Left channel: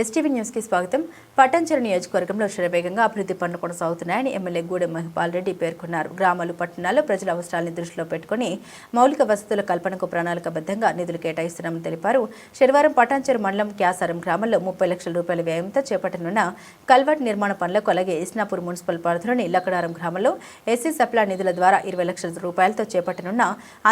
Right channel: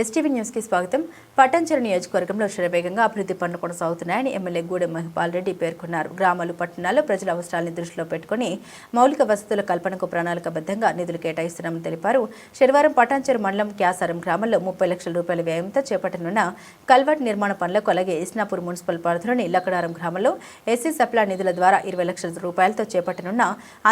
STV news కి స్వాగతం. పటాన్చెరు నియోజకవర్గంలో శరవేగంగా అభివృద్ధి పనులు కొనసాగుతున్నాయని ఎమ్మెల్యే గూడెం మహిపాల్ రెడ్డి పేర్కొన్నారు. గ్రామాలు, పట్టణాల్లో ప్రజల అవసరాలను దృష్టిలో పెట్టుకుని మౌలిక వసతుల కల్పనకు ప్రణాళికబద్ధంగా నిధులు కేటాయిస్తున్నామని తెలిపారు. శనివారం పటాన్చెరు మండలం క్యాసారం గ్రామంలో 30 లక్షల రూపాయల వ్యయంతో చేపట్టనున్న కల్వర్ట్ నిర్మాణ పనులకు, అలాగే ఇస్నాపూర్ మున్సిపల్ పరిధిలోని లక్కడారం గ్రామంలో ఎస్సీ సప్లా నిధుల ద్వారా 20 లక్షల రూపాయలతో చేపట్టనున్న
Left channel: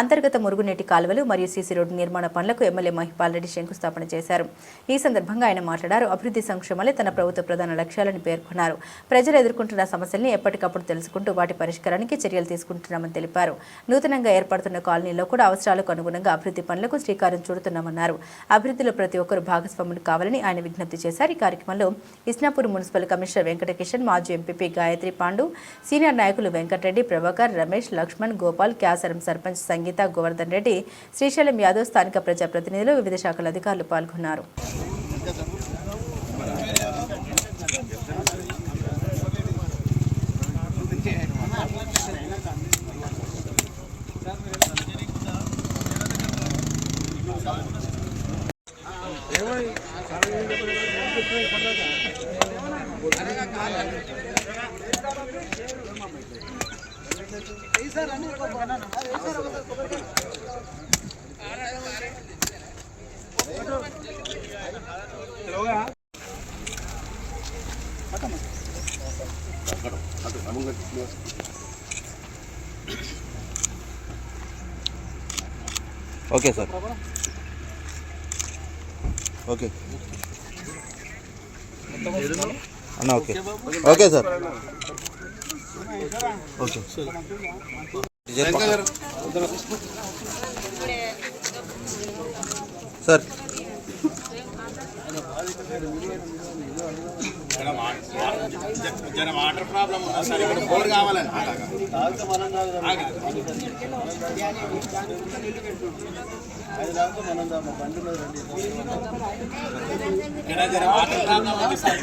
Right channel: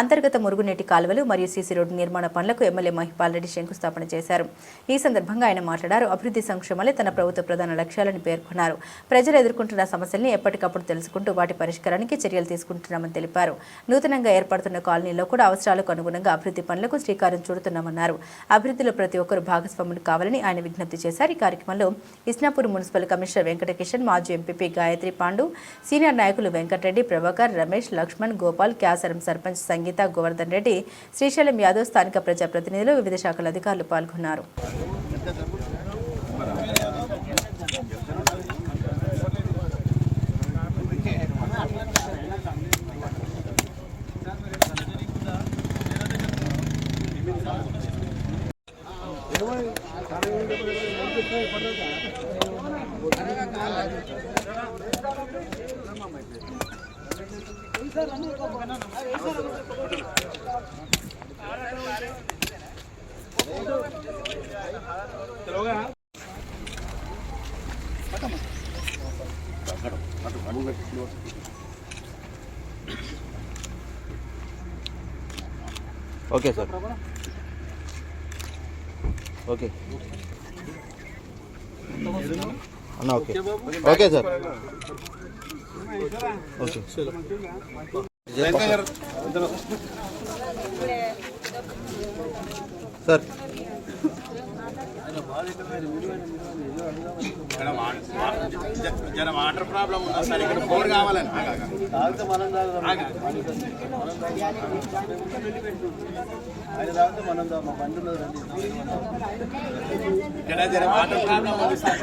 అంతర్గత మురుగునీటి కాలువలు మరియు సీసీ రోడ్డు నిర్మాణ పనులకు ఎమ్మెల్యే మహిపాల్ రెడ్డి శంకుస్థాపన చేశారు. ఈ సందర్భంగా ఆయన మాట్లాడారు. అభివృద్ధి సంక్షేమాలే తన ప్రభుత్వ ప్రధాన లక్ష్యాలని పేర్కొన్నారు. ప్రజలు ఎదుర్కొంటున్న సమస్యల్ని ఎప్పటికప్పుడు తెలుసుకుంటూ వాటి పరిష్కారానికి చర్యలు తీసుకుంటున్నామని తెలిపారు. నూతనంగా ఏర్పడుతున్న కాలనీలో కూడా అవసరాలకు అనుగుణంగా అభివృద్ధి పనులకు శ్రీకారం చుడుతున్నామన్నారు. అభివృద్ధిలో ప్రతి ఒక్కరూ భాగస్వాములు కావాలని ఆయన విజ్ఞప్తి చేశారు. ఈ కార్యక్రమంలో ఇస్నాపూర్ మున్సిపల్ కమిషనర్ వెంకటకిషన్, మాజీ ఎంపీపీ గాయత్రి పాండు, సీనియర్ నాయకులు వెంకటరెడ్డి, ప్రభాకర్, రమేష్, లక్ష్మణ్, గోపాల్, క్యాసరం సర్పంచ్ సంగీత, గోవర్ధన్ రెడ్డి, శ్రీశైలం యాదవ్, స్థానిక ప్రజాప్రతినిధులు, వివిధ శాఖల అధికారులు పాల్గొన్నారు. ఓకే సార్, ఓకే అన్న, okay okay sir, okay sir. Water problem sir, ఇక్కడ బోర్ కావాలని ఇక్కడ వాటర్ ప్రాబ్లం ఉంది సార్.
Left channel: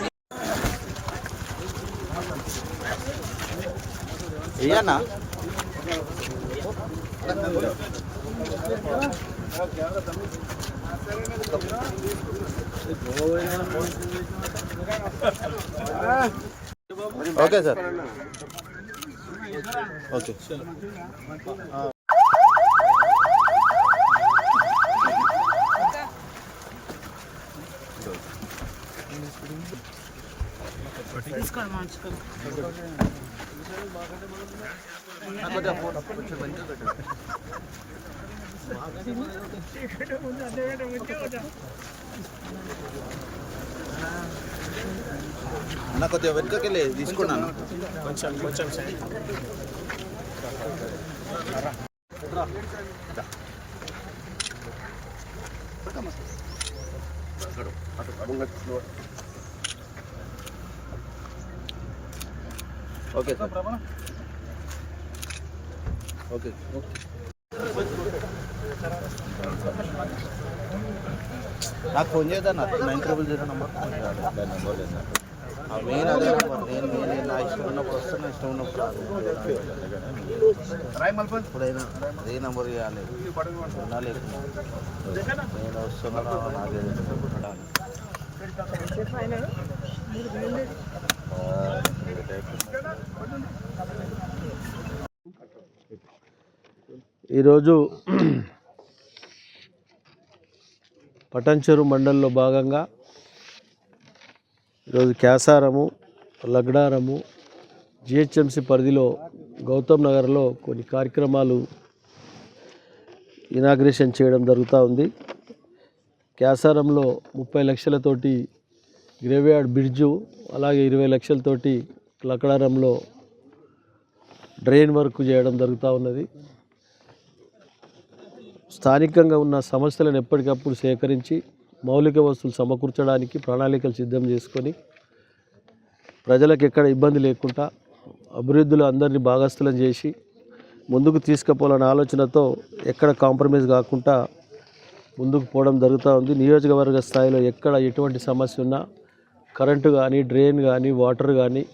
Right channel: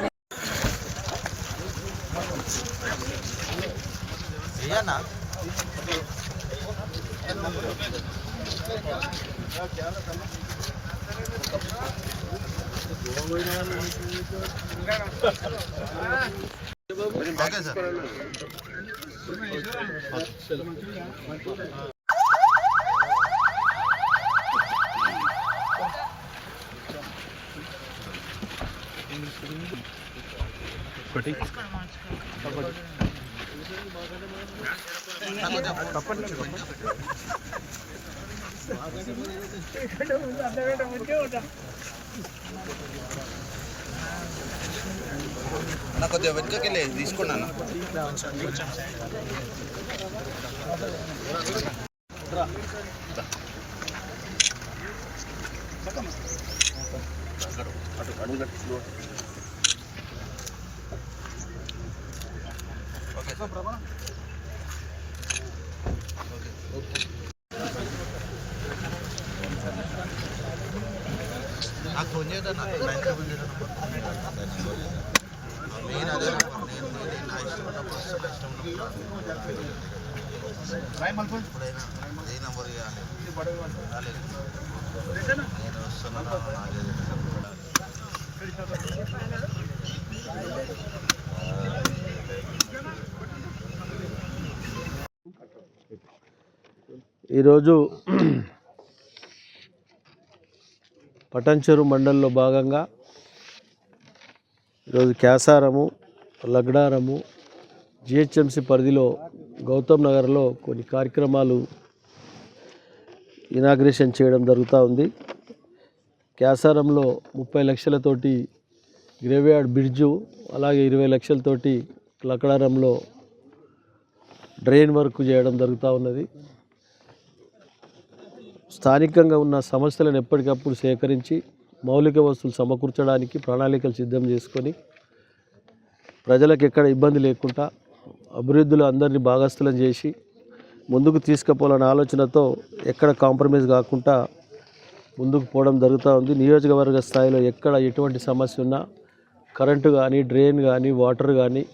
ఓకే సార్, ఓకే అన్న, కొద్దిగా వెనుకకెళ్ళి తీసుకోండి అన్న. ఓకే సార్, ఓకే నాకు ఫోన్ చేద్దాను. నేను అదే నేను నా ఇష్టం ఉన్నప్పుడు వస్తాను, ఇష్టం ఉన్నప్పుడు ఎప్పుడైనా ఏ నెంబర్ ఇవ్వాలి, నేను వస్తున్నా. ఈరోజు పటాన్చెరు మండలంలో భాగంగా ఈరోజు క్యాసారము, లగ్డారము, జిహెచ్ఎంసి పరిధిలో గౌతమ్ నగర్లో కొన్ని కార్యక్రమాలు ఇనాగ్రేషన్ చేయడం జరుగుతూ ఉంది. క్యాసారంలో 30 లక్షలతోటి గ్రేవ్యార్డ్ బ్రిడ్జు, అలాగే 20 లక్షలతోటి లగ్డారంలో డ్రైన్ వర్క్ చేయడం జరుగుతూ ఉన్నది. స్థానికంగా ఉన్న సమస్యలను ఎప్పటికప్పుడు సేకరించి మౌలిక వస్తువులు సమకూర్చడానికి ప్రణాళికలు సిద్ధం చేసుకొని ప్రజలకు ఎక్కడ ఇబ్బంది లేకుండా అభివృద్ధిలో అందరినీ భాగస్థులను చేసి ముందుకు తీసుకుపోవాలనే ఆలోచనతో ఎక్కడ కాంప్రమైజ్ కాకుండా ముందుకు పోవడం జరుగుతూ ఉంది. నియోజకవర్గ స్థాయిలో ఎక్కడ ఎటువంటి సమస్య ఉన్నా కరెంటు కానీ, డ్రైన్ కానీ, వాటర్ కానీ,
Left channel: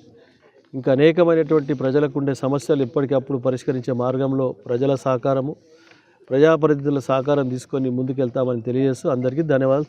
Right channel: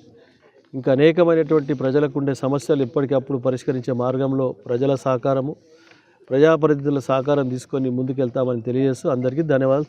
ఇంకా అనేకమైనటువంటి ప్రజలకు ఉండే సమస్యలు ఎప్పటికప్పుడు పరిష్కరించే మార్గంలో ప్రజల సహకారము, ప్రజాప్రతినిధుల సహకారం తీసుకొని ముందుకెళ్తామని తెలియజేస్తూ అందరికీ ధన్యవాదాలు.